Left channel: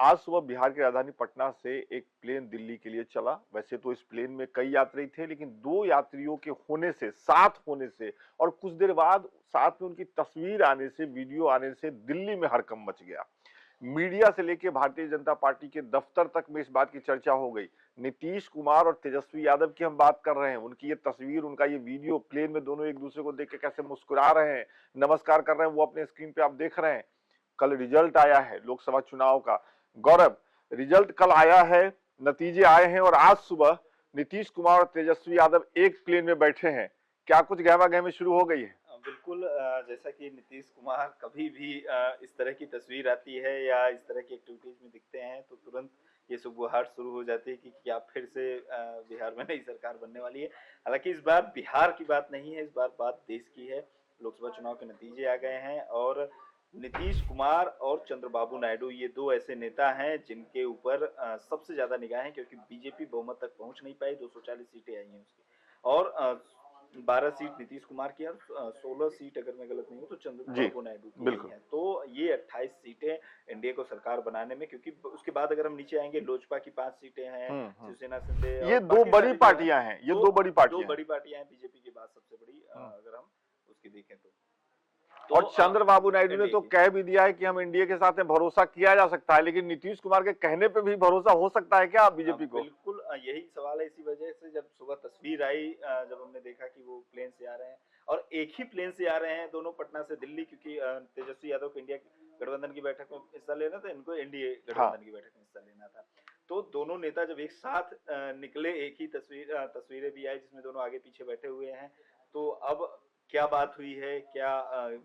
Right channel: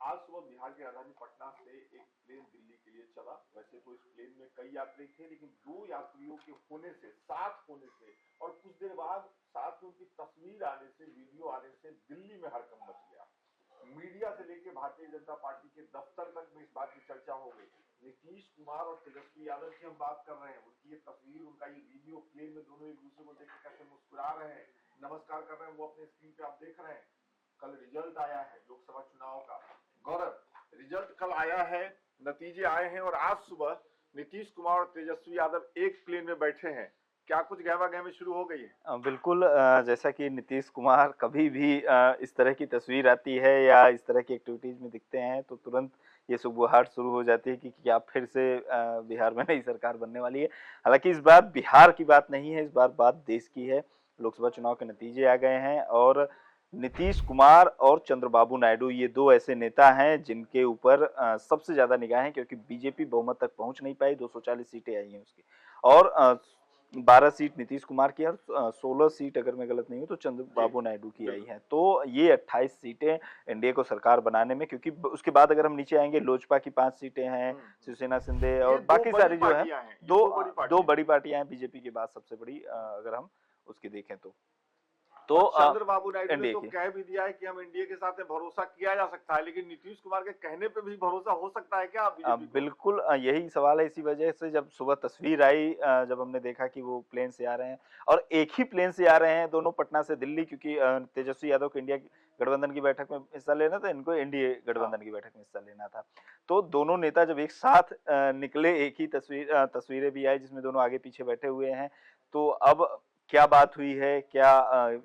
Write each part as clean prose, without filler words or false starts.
आज सुबह बिहार की राजधानी पटना से एक प्लेन दिल्ली के लिए चला। वैसे तो इस प्लेन में कई यात्री थे, लेकिन दो यात्रियों के होने से, साथ होने से और कुछ देर बाद साथ में उनकी तस्वीर आने से, वीडियो आने से दिल्ली में हड़कंप मच गया। मीडिया से लेकर भारतीय जनता पार्टी के दफ्तर तक में इस बात की चर्चा हो गई। नीतीश कुमार और तेजस्वी यादव की हम बात कर रहे हैं, उनकी ये तस्वीर, उनका ये वीडियो, प्लेन में दोनों एक दूसरे को देख के कैसे मुस्कुरा रहे हैं, नमस्कार कर रहे हैं, वो अपने स्क्रीन पे आप देख रहे हैं। कल रिजल्ट आया है लोकसभा चुनाव का। गौरव, रिजल्ट कल आया है, नतीजे आए हैं और आज सुबह नीतीश कुमार और तेजस्वी यादव एक प्लेन में बैठे हैं। क्या कुछ गहमा गहमी शुरू हो गई है? बिल्कुल, जैसा कि नीतीश कुमार कभी भी इस तरह की तस्वीर आती है या इस तरह की एक्टिविटीज में दिखते हैं तो तुरंत ये सुगबुगाहट शुरू हो जाती है कि क्या फिर से बिहार में नई सरकार बनने वाली है। हालांकि इस बार बिहार की बात नहीं है, इस बार बात देश की है। लोकसभा चुनाव के नतीजे आ गए हैं और नीतीश कुमार और चंद्रबाबू नायडू ये दो ऐसे नेता हैं जिनके ऊपर सबसे ज्यादा निगाह है, क्योंकि बीजेपी बहुमत तक पहुंच नहीं पाई। 240 सीटें आई हैं उसकी, और 12 सीट नीतीश कुमार की है और 16 सीट, अगर मैं गलत नहीं हूँ तो चंद्रबाबू नायडू की आई है। तो ये 28 सीटें एनडीए को सरकार बनाने में, क्योंकि उसके बाद अगर हम नीचे आएंगे, लोजपा की 5 सीटें हैं, शिवसेना शिंदे ये और दो बाकी बड़ी सारी पार्टियां हैं, ये दो बड़ी पार्टियां हैं। बीजेपी के बाद सबसे बड़ी अगर हम उसकी देखें और चंद्रबाबू नायडू ने एनडीए तो की। कह भी दिया है कि हम एनडीए के साथ में भरोसा किया जा सकता है, लेकिन नीतीश कुमार के कहने पे भी भरोसा हो सकता है क्या बीजेपी को? बिल्कुल, यही सवाल है। इसी वजह से जब सुबह तस्वीर आई, जब हमने देखा कि वो प्लेन से आ रहे हैं और एक ही प्लेन से आ रहे हैं दोनों, पटना से दिल्ली, क्योंकि तेजस्वी यादव को इंडिया गठबंधन की बैठक में हिस्सा लेना था, इनको एनडीए गठबंधन की बैठक में हिस्सा लेना था। तो दोनों नेता जब एक साथ निकले, एक ही तस्वीरें भी आई जिसमें दोनों आगे पीछे बैठे हुए हैं। तो अब क्या बात हुई है, क्या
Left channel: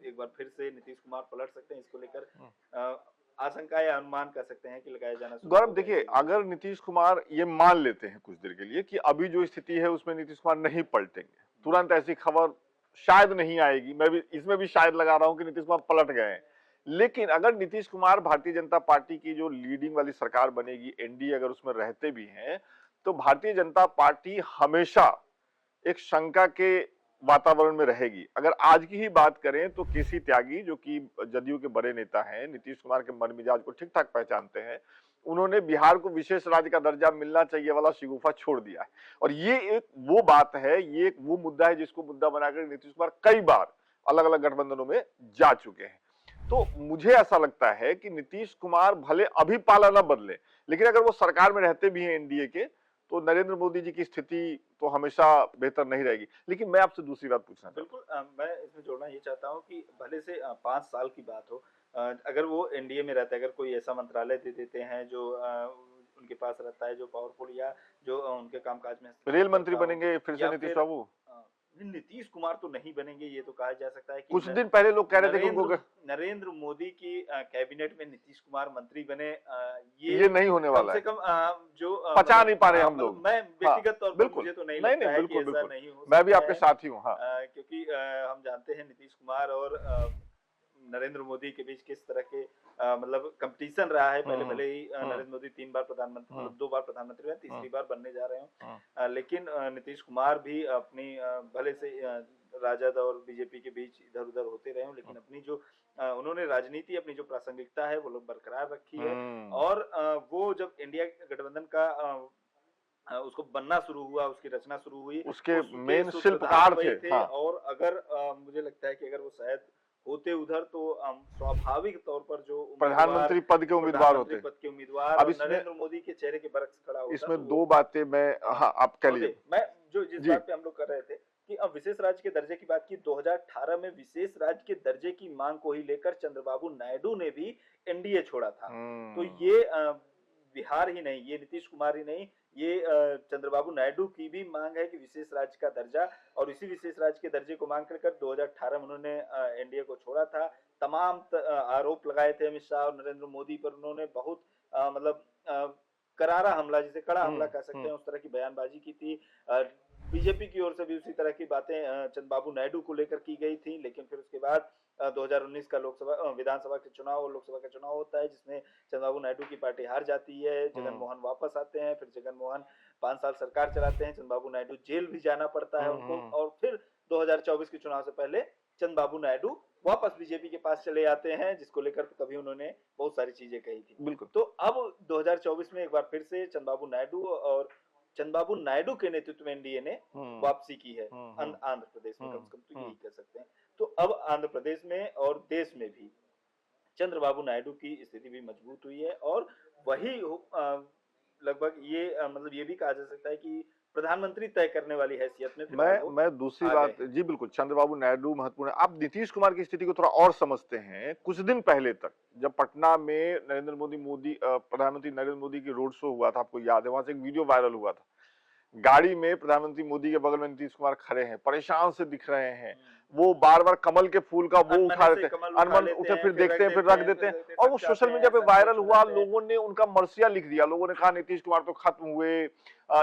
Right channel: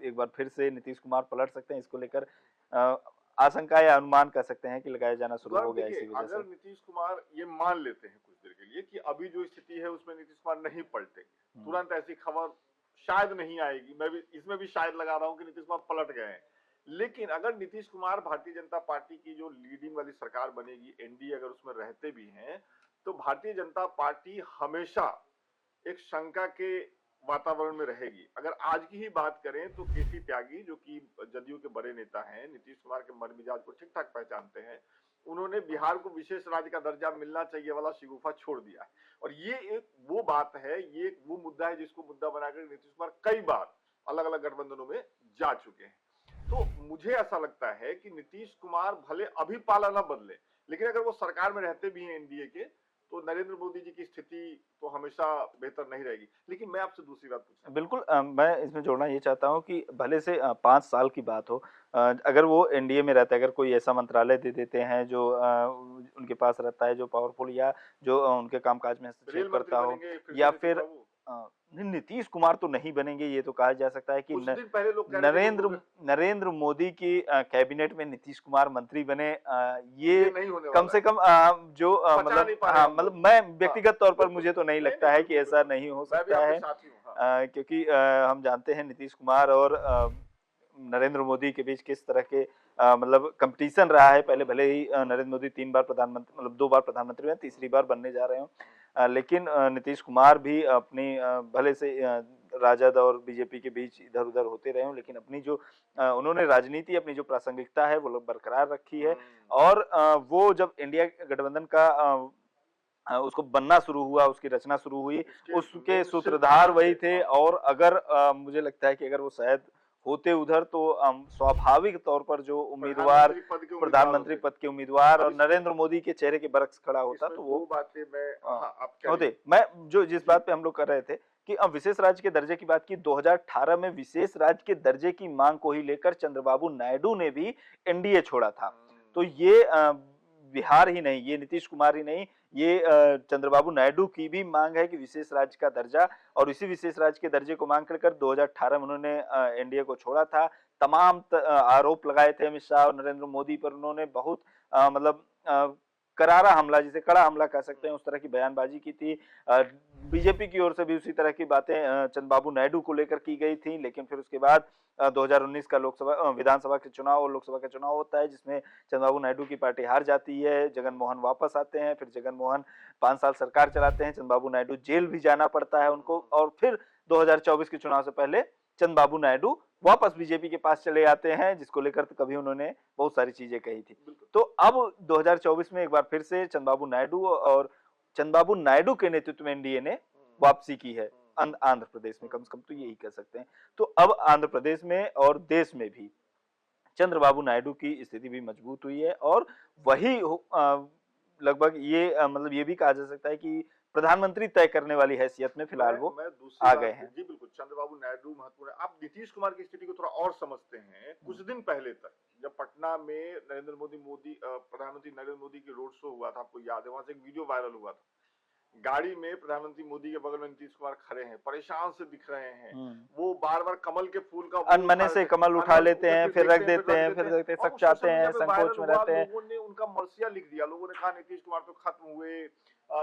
एक बार फिर से नीतीश कुमार पलट सकते हैं, इसको लेकर आशंका या अनुमान कर सकते हैं कि लगाया जाना शुरू हो गौरव, गया देखिए, इसी वजह अगर से। नीतीश कुमार ये मान लेते हैं कुछ देर के लिए कि अभी जो स्थिति है उसमें नीतीश कुमार नहीं पलटेंगे, तुरंत ऐसी खबर शायद नहीं आएगी, मैं भी इसमें भी शायद लगा रहा हूं कि नीतीश कुमार पलट गए हैं। लेकिन अगर नीतीश कुमार भारतीय जनता पार्टी की जो लीडिंग वाली सरकार बनेगी, एनडीए अगर उसमें रहते भी हैं, तो भारतीय जनता पार्टी हमेशा एक शंका के वातावरण में रहेगी। अगर आज की ही बात करें तो केसी त्यागी, जो कि जदयू के बड़े नेता हैं, नीतीश कुमार के मन मिजाज को ठीक ठाक पहचानते हैं, उन्होंने बिहार को विशेष राज्य का दर्जा मिलना चाहिए वाला शिगुफा छोड़ दिया है। और ये एक वो बात है, ये एक वो मुद्दा है जिसको मुद्दा बनाकर नीतीश कुमार कई बार अलग अलग गठबंधनों में जा चुके हैं। तो मुझे ऐसा लगता है कि नीतीश कुमार भले अभी पाला न बदले, लेकिन अगर वो सरकार में रहते भी हैं एनडीए के, तो नरेंद्र मोदी जी की स्थिति तो हमेशा बेहतर नहीं रहेगी। लेकिन मैं आपसे दूसरी बात पूछना चाहूंगा। बिल्कुल, मैं इसमें जोड़ना ये चाहता हूँ कि भले से 5 साल की बात हो, अगर वो एनडीए में रहता है, अगर कोई ऐसा मंत्रालय दे देते हैं जो उनके पास रहता है, जो पावरफुल या जो उनके कामकाज में रेल हस्तक्षेप मंत्री करता हो, बनेंगे फिर से या नीतीश फिर बाबू? नीतीश कुमार तो नहीं बनेंगे, ये तो कहा जा सकता है कि कुछ दिन पहले लोग कह रहे थे कि उनको नरेंद्र मोदी की कैबिनेट में नीतीश कुमार मंत्री बने। ये ये नहीं होने कम वाला से है, कम जो पचा नहीं पा रहे हम मतलब लोग। मैं हाँ, व्यक्तिगत तौर पर बिल्कुल, मुझे तो नहीं नहीं लगता नहीं, है कि बिल्कुल ऐसा बिल्कुल, नहीं हो मैं भी सकता आपके है। साथ ही हूँ। हाँ, क्योंकि हम जानते हैं नीतीश कुमार और नरेंद्र मोदी के बीच किस तरह के मतलब कंपटीशन रहा है। पहले भले ही नरेंद्र मोदी 3 बार प्रधानमंत्री, मतलब 2 बार प्रधानमंत्री हुए, तीसरी बार बनने जा रहे हो, लेकिन नीतीश कुमार भी अपनी भले से राजद और बीजेपी के बीच इधर उधर होते रहे हों, लेकिन अपनी जो उन्होंने राजनीति, अपनी जो प्रासंगिकता है वो लोग बरकरार रखी है। और वो जब इंडिया गठबंधन का उसको बनना शुरू हुआ, उसकी रचना शुरू हुई, उसके मेन सूत्रधार शिल्पकार वही थे। थे। और अगर मुझे लगता है कि अगर वो शायद होते उधर तो स्वाभाविक तौर पर जो उम्मीदवार, प्रधानमंत्री पद के उम्मीदवार प्रधानमंत्री होते। पद के उम्मीदवार अब और इसमें नरेंद्र मोदी के चेहरे के बरक्स खड़ा होता, इसमें तो दो वो बातें मैं, हाँ, आप कह लीजिए। होते। मैं जो जिस जी। बात पे हम लोग कर रहे थे कि अब विशेष राज्य के दर्जे की बात की, 2018 में विशेष राज्य के दर्जे की मांग को ही लेकर चंद्रबाबू नायडू ने भी एनडीए छोड़ा था। तो ये बिहार ही नहीं, ये नीतीश कुमार ही नहीं, ये चंद्रबाबू नायडू की भी मांग है कि विशेष राज्य का दर्जा, और इसी विशेष राज्य के दर्जे को मांग कर 2018 में उन्होंने एनडीए को छोड़ा था। तमाम आरोप लगाए थे अमित शाह और नरेंद्र मोदी पर। उन्होंने बहुत मतलब करारा हमला, जिसे कड़ा हमला कह सकते हैं, उस तरह की बयानबाजी की थी। बीजेपी की ओर से भी उसी तरह की बातें चंद्रबाबू नायडू को लेकर की गई थी। लेकिन फिर उसके बाद 2019 का लोकसभा विधानसभा के चुनाव और लोकसभा का चुनाव होता है, जिसमें चंद्रबाबू नायडू की पार्टी हार जाती है। जगन मोहन वापस आते हैं, फिर जगन मोहन 5 साल सरकार चलाते हैं। चंद्रबाबू नायडू जेल भी जाना पड़ता है उनको, और फिर 2024 के चुनाव से पहले चंद्रबाबू नायडू वापस बीजेपी के पास चले आते हैं, जिसको लेकर तो कभी उन्होंने बहुत सारी चीजें कही थी। बिल्कुल। तो अब 2024 में एक बार फिर से चंद्रबाबू नायडू के नेतृत्व में एनडीए ने वापसी की है आंध्र प्रदेश में, कम से कम तो यही कह सकते हैं। तो अब आंध्र प्रदेश में और देश में भी चंद्रबाबू नायडू की स्थिति भी मजबूत हुई है और वही लगभग ये मतलब ये भी कहा जा सकता है कि प्रधानमंत्री तय करने वाली हैसियत में फिलहाल वो मैं दूसरी आ गए बात हैं। जी बिल्कुल, चंद्रबाबू नायडू महत्वपूर्ण है। आप नीतीश कुमार की स्थिति को थोड़ा और समझते हैं। कुछ दिन पहले तक जब पटना में प्रधानमंत्री नरेंद्र मोदी की रोड शो हुआ था, आपको याद है, वहां से एक वीडियो वायरल हुआ था। गाड़ी में प्रधानमंत्री मोदी के बगल में नीतीश कुमार खड़े हैं, परेशान से दिख रहे हैं। वो बार-बार कमल के फूल का वो अनमने से कमल उठा लेते हैं, फिर रख देते हैं, और वो सोशल मीडिया पे वायरल हुआ। लोग लोगों ने उनका मर्सिया लिख दिया। लोगों ने कहा नीतीश कुमार तो खत्म हुए,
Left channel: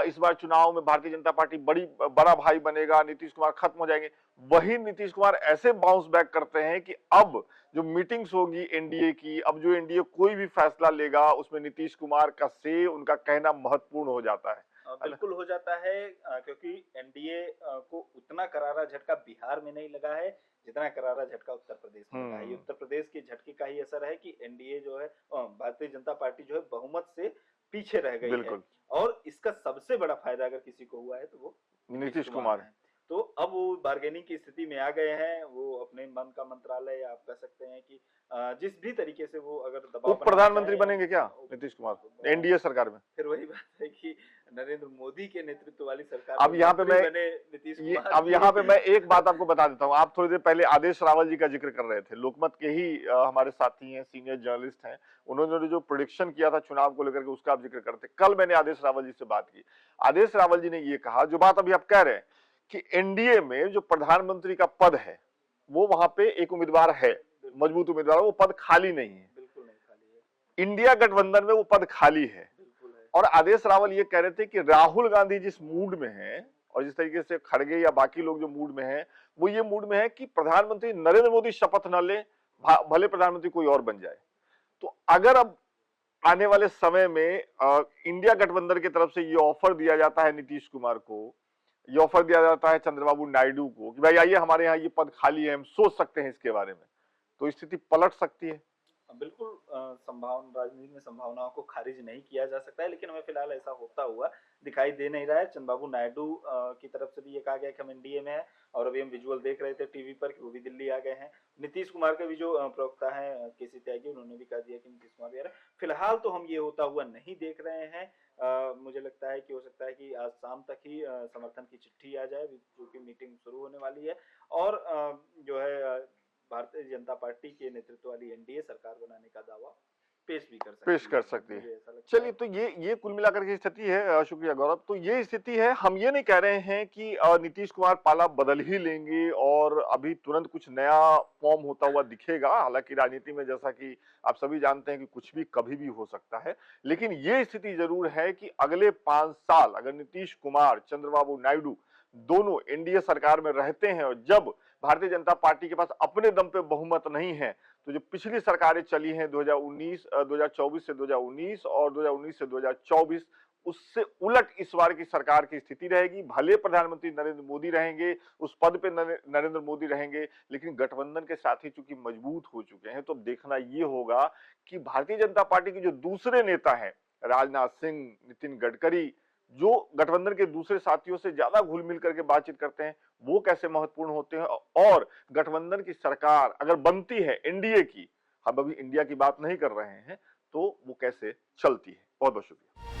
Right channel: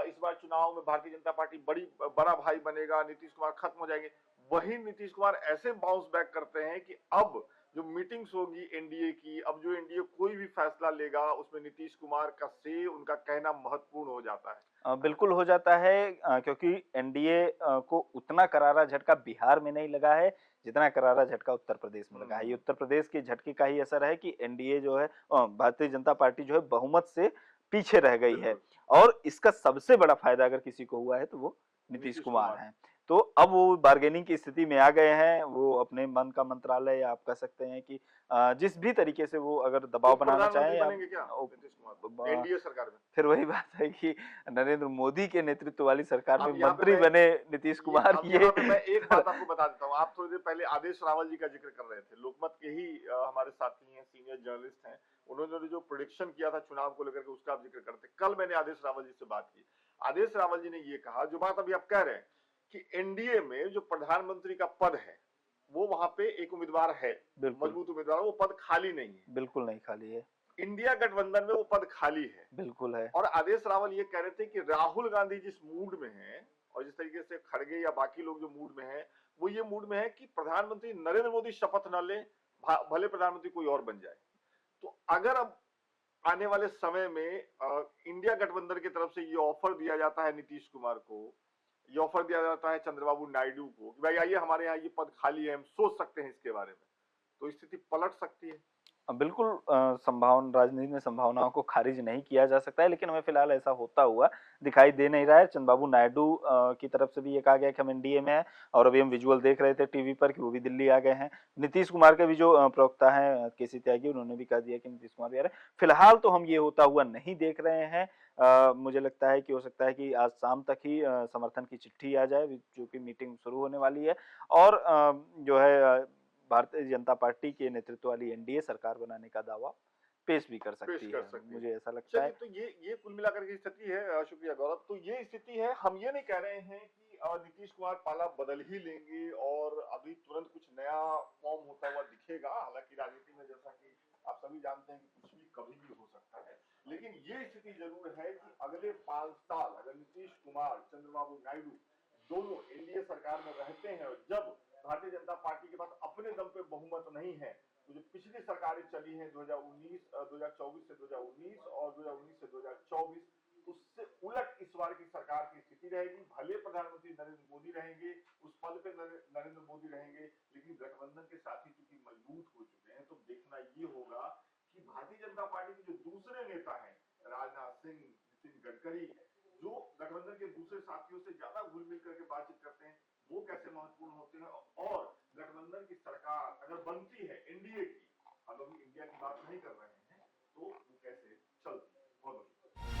इस बार चुनाव में भारतीय जनता पार्टी बड़ा भाई बनेगा, नीतीश कुमार खत्म हो जाएंगे। वही नीतीश कुमार ऐसे बाउंस बैक करते हैं कि अब जो मीटिंग्स होगी एनडीए की, अब जो एनडीए कोई भी फैसला लेगा उसमें नीतीश कुमार का से उनका कहना महत्वपूर्ण हो जाता है। बिल्कुल हो जाता है, क्योंकि एनडीए को उतना करारा झटका बिहार में नहीं लगा है जितना करारा झटका उत्तर प्रदेश में लगा है। ये उत्तर प्रदेश के झटके का ही असर है कि एनडीए जो है भारतीय जनता पार्टी जो है बहुमत से पीछे रह गई है और इसका सबसे बड़ा फायदा अगर किसी को हुआ है तो वो नीतीश कुमार है। तो अब वो बार्गेनिंग की स्थिति में आ गए हैं। वो अपने मन का मंत्रालय आप कह सकते हैं कि जिस भी तरीके से वो अगर दबाव बनाना प्रधानमंत्री बनेंगे क्या नीतीश कुमार एनडीए सरकार में? फिर वही बात है कि नरेंद्र मोदी के नेतृत्व वाली सरकार अब में यहाँ मंत्री बने नीतीश कुमार। अब यहाँ पे मैं एक बात आपको बता देता हूँ। आप थोड़ी देर पहले आदेश रावल जी का जिक्र कर रहे थे, लोकमत के ही हमारे साथी हैं, सीनियर जर्नलिस्ट हैं। उन्होंने जो प्रोडिक्शन किया था चुनाव को लेकर के उसका आप जिक्र करते। कल मैंने आदेश रावल जी से बात की। आदेश रावल जी ने ये कहा जो बात अभी आप कह रहे हैं कि एनडीए में जो प्रधानमंत्री का पद है वो वहां पे एक उम्मीदवार है, मजबूत उम्मीदवार, वो पद खाली नहीं है। बिल्कुल नहीं खाली है। इंडिया गठबंधन में वो पद खाली है। बिल्कुल है। और आदेश रावल ये कह रहे थे कि राहुल गांधी जिस मूड में है और जिस तरीके से खड़गे या बाकी लोग जो मूड में है, वो ये मूड में है कि प्रधानमंत्री नरेंद्र मोदी शपथ न ले, भले प्रधानमंत्री कोई और बन जाए। तो अगर अब आने वाले समय में इंडिया गठबंधन की तरफ से ये ऑफर दिया जाता है नीतीश कुमार को, ये ऑफर दिया जाता है चंद्रबाबू नायडू को कि भाई आइए हमारे यहाँ ये पद खाली है, हम सोच सकते हैं इसके बारे में, तो स्थिति पलट सकती है। बिल्कुल राजनीति में संभावनाओं को खारिज नहीं किया जा सकता है, लेकिन हमें फिलहाल ऐसा होता हुआ दिखाई दे नहीं रहा है। चंद्रबाबू नायडू की तरफ से भी ये कहा गया कि हम एनडीए में हैं और अभी हम विजुअल देख रहे थे टीवी पर कि वो भी दिल्ली आ गए हैं। नीतीश कुमार के भी जो प्रवक्ता हैं केसी त्यागी, उन्होंने भी कह दिया कि नीतीश कुमार भी आ रहे हैं। फिलहाल तो हम ये होता हुआ नहीं देख रहे हैं। मुझे लगता है कि हो सकता है कि आज शाम तक ही समर्थन की चिट्ठी आ जाए, जो कि मीटिंग शुरू होने वाली है और जो है भारतीय जनता पार्टी के नेतृत्व वाली एनडीए सरकार बनाने का दावा पेश भी कर सकती है। मुझे ऐसा लगता है। चलिए, तो ये कुल मिलाकर की स्थिति है। शुक्रिया गौरव। तो ये स्थिति है। हम ये नहीं कह रहे हैं कि नीतीश कुमार पाला बदल ही लेंगे और अभी तुरंत कुछ नया फॉर्म होता हुआ दिखेगा। हालांकि राजनीति में जैसा कि आप सभी जानते हैं कि कुछ भी कभी भी हो सकता है, लेकिन ये स्थिति जरूर है कि अगले 5 साल अगर नीतीश कुमार, चंद्रबाबू नायडू दोनों एनडीए सरकार में रहते हैं और जब भारतीय जनता पार्टी के पास अपने दम पे बहुमत नहीं है, तो जो पिछली सरकारें चली हैं 2024 से 2019 और 2019 से 2024, उससे उलट इस बार की सरकार की स्थिति रहेगी। भले प्रधानमंत्री नरेंद्र मोदी रहेंगे, उस पद पे नरेंद्र मोदी रहेंगे, लेकिन गठबंधन के साथी चूंकि मजबूत हो चुके हैं, तो देखना ये होगा कि भारतीय जनता पार्टी के जो दूसरे नेता हैं, राजनाथ सिंह, नितिन गडकरी, जो गठबंधन के दूसरे साथियों से ज्यादा घुल मिल करके बातचीत करते हैं, वो कैसे महत्वपूर्ण होते हैं और गठबंधन की सरकार अगर बनती है एनडीए की, हम अभी इंडिया की बात नहीं कर रहे हैं, तो वो कैसे चलती है। बहुत बहुत शुक्रिया।